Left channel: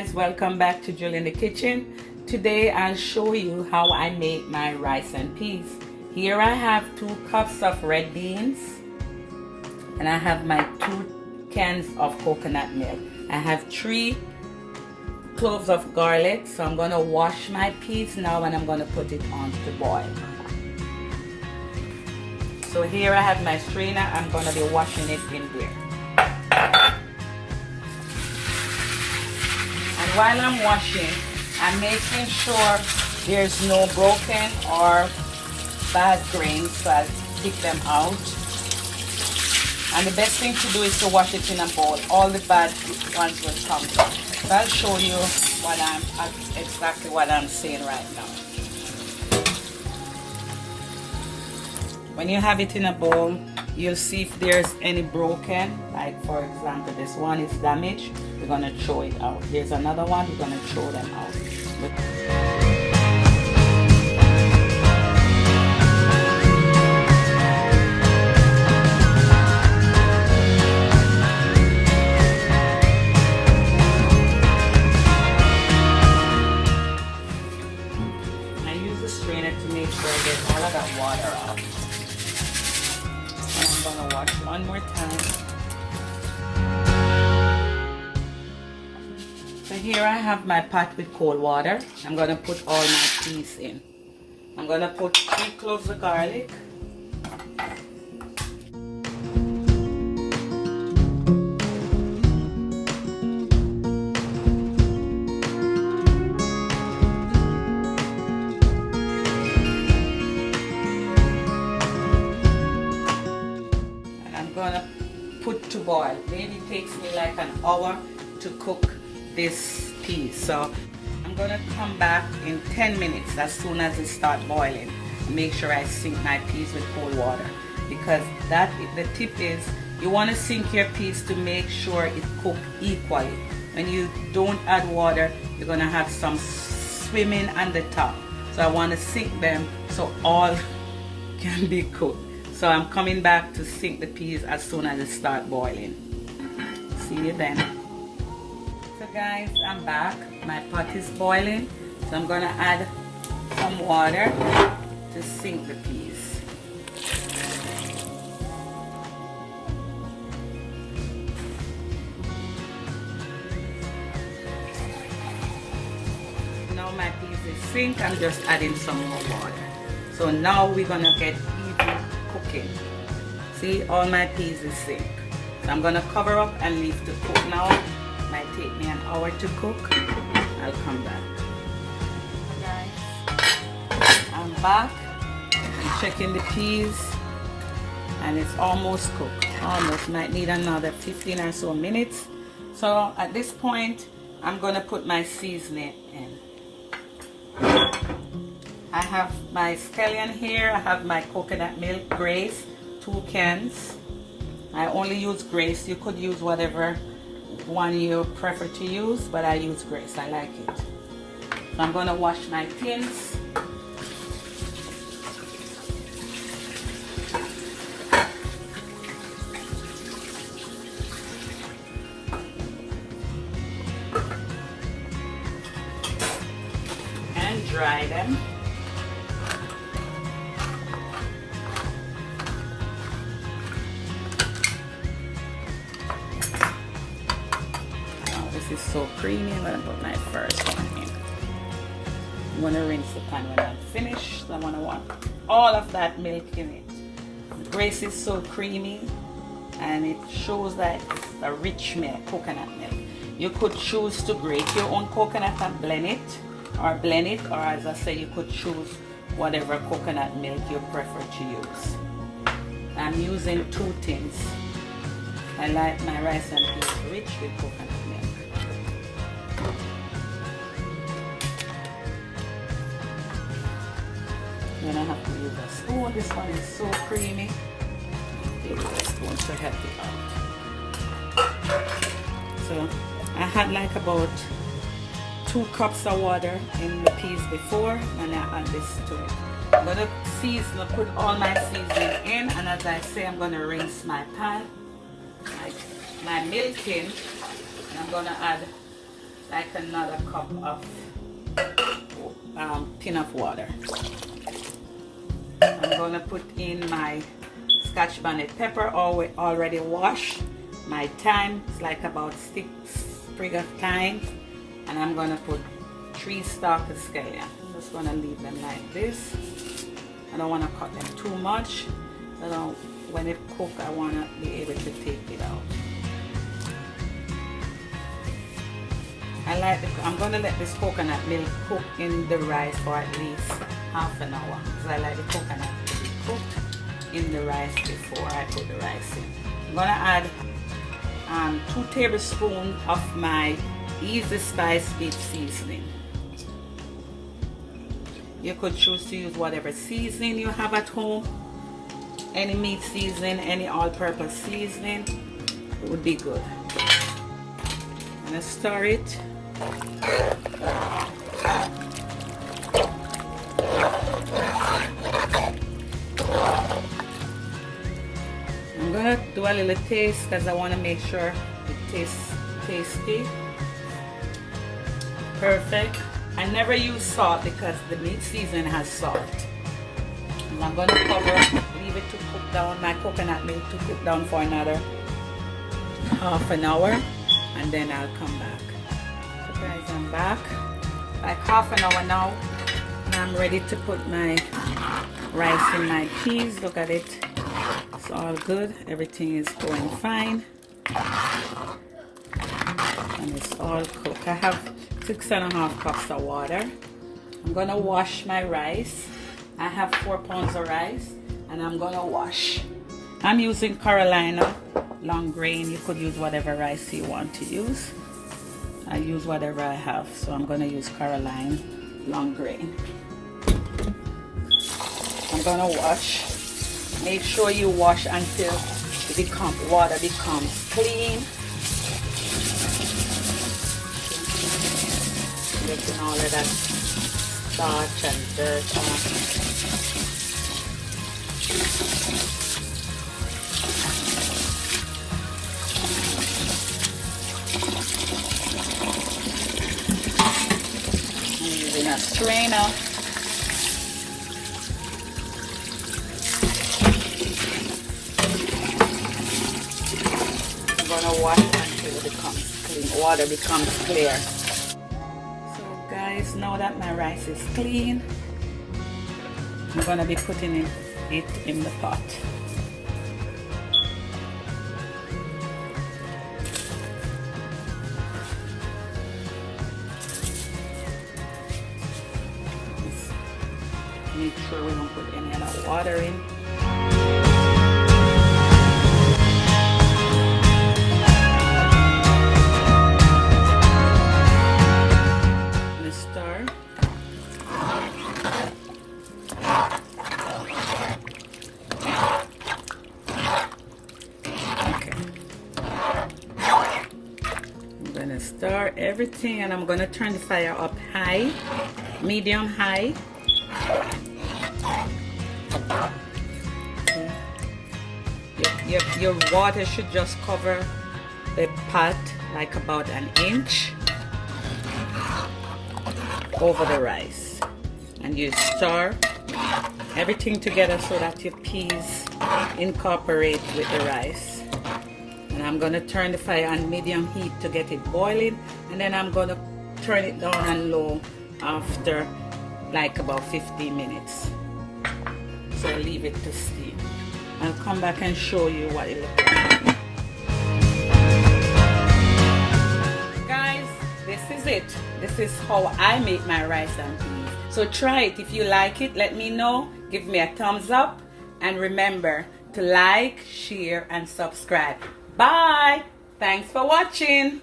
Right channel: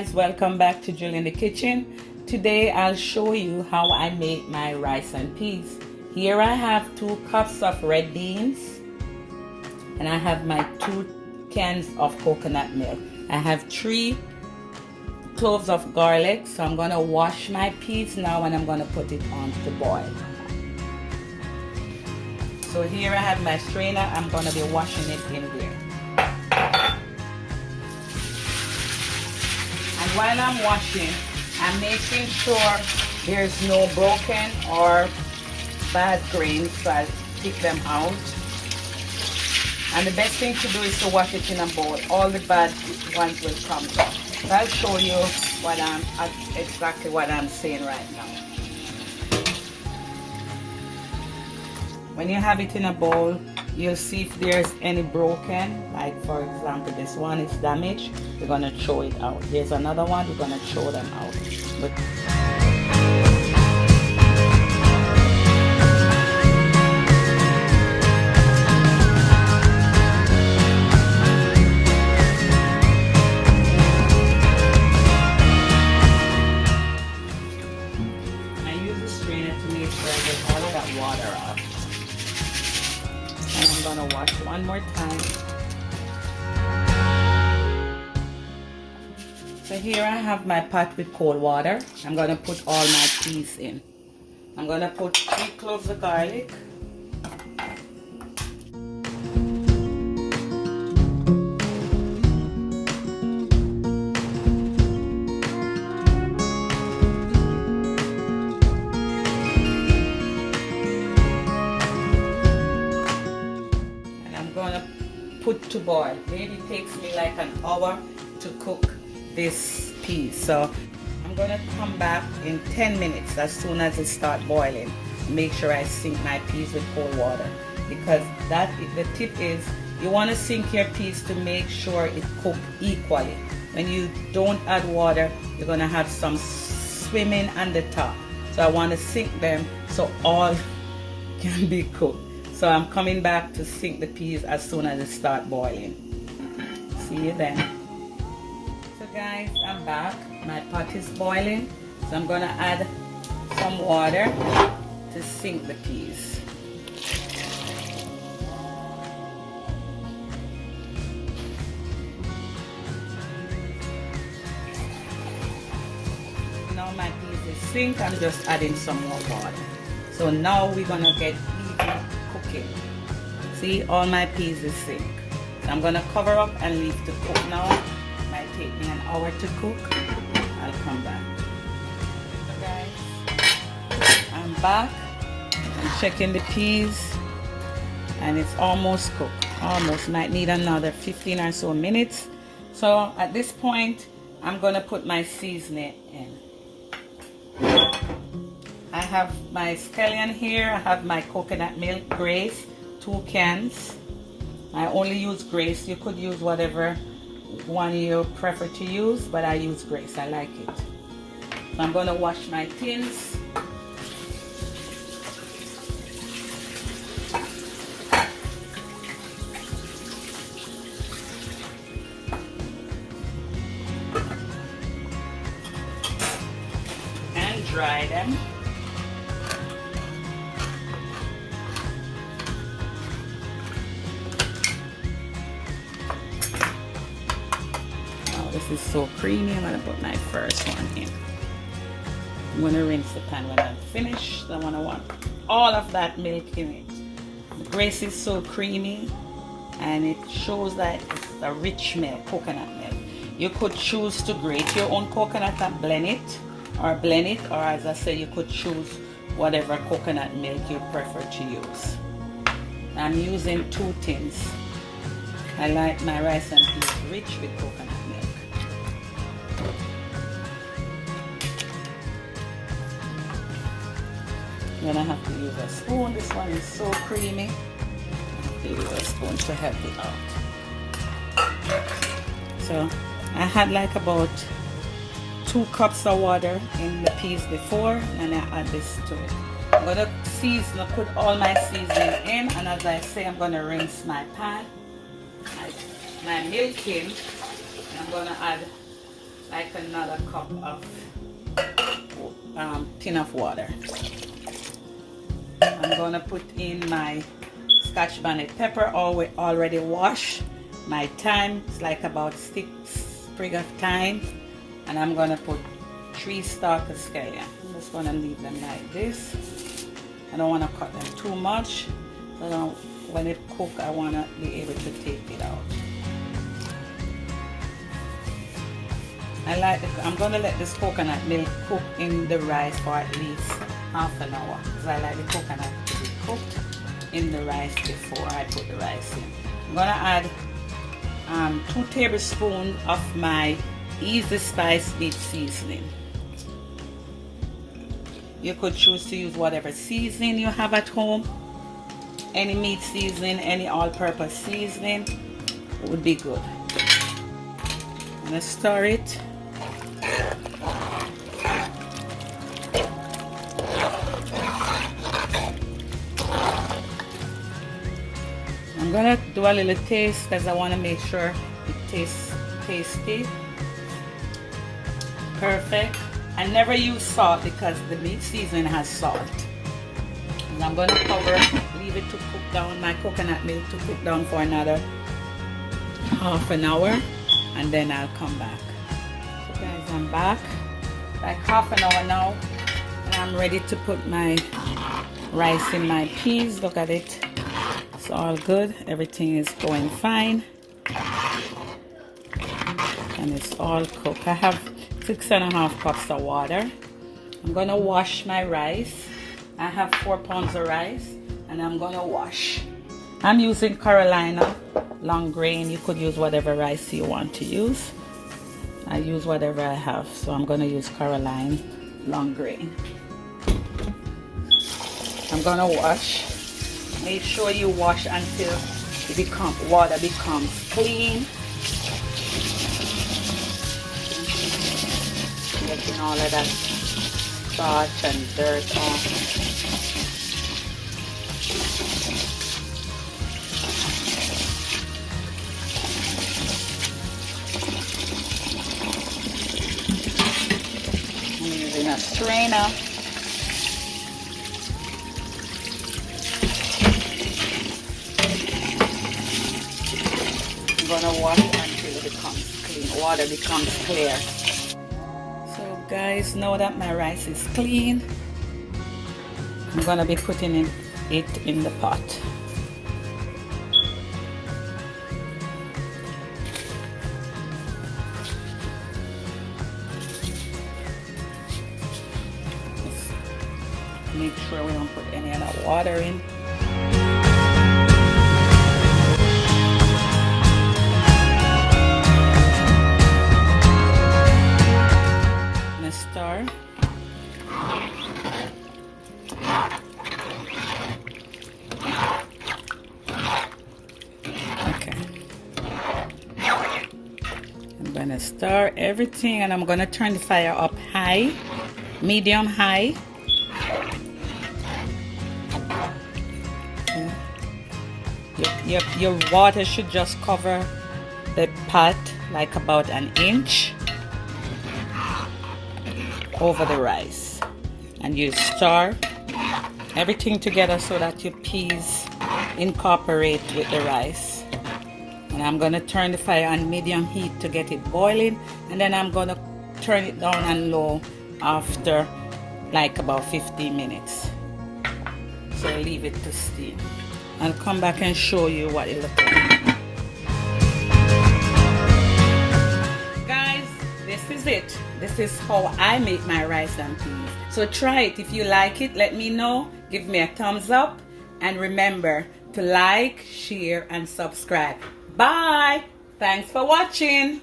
guys, welcome back to Jul In The Kitchen. Today I'll show you how I make my rice and peas. Here I have 2 cups of red beans and I have my 2 cans of coconut milk. I have 3 cloves of garlic, so I'm going to wash my peas now and I'm going to put it on to boil. So here I have my strainer. I'm going to be washing it in there. And while I'm washing, I'm making sure there's no broken or bad grains, so I'll pick them out. And the best thing to do is to wash it in a bowl. All the bad ones will come out. So I'll show you exactly what I'm saying right now. When you have it in a bowl, you'll see if there's any broken, like for example this one is damaged, we're going to throw it out. There's another one, we're going to throw them out. Look. I use the strainer to make sure I get all of that water off. And I'm going to wash one more time. So here I have my pot with cold water. I'm going to put all my peas in. I'm going to put 3 cloves of garlic. And I'm going to put to boil. Maybe it takes me like an hour to cook this peas, so I'm gonna come back in 10 minutes as soon as it start boiling. Make sure I sink my peas with cold water, because the tip is you want to sink your peas to make sure it cook equally. When you don't add water, you're gonna have some swimming on the top, so I want to sink them so all can be cooked. So I'm coming back to sink the peas as soon as it start boiling. See you then. So guys, I'm back. My pot is boiling, so I'm going to add some water to sink the peas. Now my peas is synced. I'm just adding some more water. So now we're going to get even cooking. See, all my peas is synced. So I'm going to cover up and leave to cook now. Might take me an hour to cook. I'll come back. Guys, I'm back. I'm checking the peas and it's almost cooked. Almost. Might need another 15 or so minutes. So at this point, I'm gonna put my seasoning in. I have my scallion here. I have my coconut milk Grace, 2 cans. I only use Grace. You could use whatever one you prefer to use, but I use Grace. I like it. So I'm going to wash my tins. And dry them. This is so creamy. I'm going to put my first one in. I'm going to rinse the pan when I'm finished. I want all of that milk in it. The Grace is so creamy and it shows that it's a rich milk, coconut milk. You could choose to grate your own coconut and blend it, or as I say, you could choose whatever coconut milk you prefer to use. I'm using 2 tins. I like my rice and peas rich with coconut milk. I'm gonna have to use a spoon. This one is so creamy. Use a spoon to help it out. So I had like about 2 cups of water in the peas before, and I add this to it. I'm gonna put all my seasoning in, and as I say, I'm gonna rinse my pan, my milk in. I'm gonna add like another cup of tin of water. I'm gonna put in my Scotch bonnet pepper, already washed. My thyme, it's like about 6 sprigs of thyme, and I'm gonna put 3 stalks of scallion. I'm just gonna leave them like this. I don't want to cut them too much. When it cooks, I want to be able to take it out. I'm going to let this coconut milk cook in the rice for at least half an hour, because I like the coconut to be cooked in the rice before I put the rice in. I'm going to add 2 tablespoons of my Easy Spice meat seasoning. You could choose to use whatever seasoning you have at home. Any meat seasoning, any all-purpose seasoning would be good. I'm going to stir it. I'm going to do a little taste because I want to make sure it tastes tasty. Perfect. I never use salt because the meat seasoning has salt. And I'm going to leave it to cook down, my coconut milk to cook down for another half an hour, and then I'll come back. So guys, I'm back, like half an hour now, and I'm ready to put my rice in my peas. Look at it, it's all good, everything is going fine, and it's all cooked. I have 6.5 cups of water. I'm gonna wash my rice. I have 4 pounds of rice, and I'm gonna wash. I'm using Carolina long grain. You could use whatever rice you want to use. I use whatever I have, so I'm gonna use Carolina long grain. I'm gonna wash. Make sure you wash until water becomes clean. Getting all of that starch and dirt off. I'm using a strainer. I'm gonna wash until it becomes clean. Water becomes clear. Guys, now that my rice is clean, I'm gonna be putting it in the pot. Just make sure we don't put any other water in. Stir. Okay. I'm gonna stir everything, and I'm gonna turn the fire up high, medium high. Okay. Your water should just cover the pot like about an inch over the rice, and you stir everything together so that your peas incorporate with the rice. And I'm going to turn the fire on medium heat to get it boiling, and then I'm going to turn it down and low after like about 15 minutes. So leave it to steam. I'll come back and show you what it looks like. This is it. This is how I make my rice and peas. So try it. If you like it, let me know. Give me a thumbs up. And remember to like, share, and subscribe. Bye. Thanks for watching.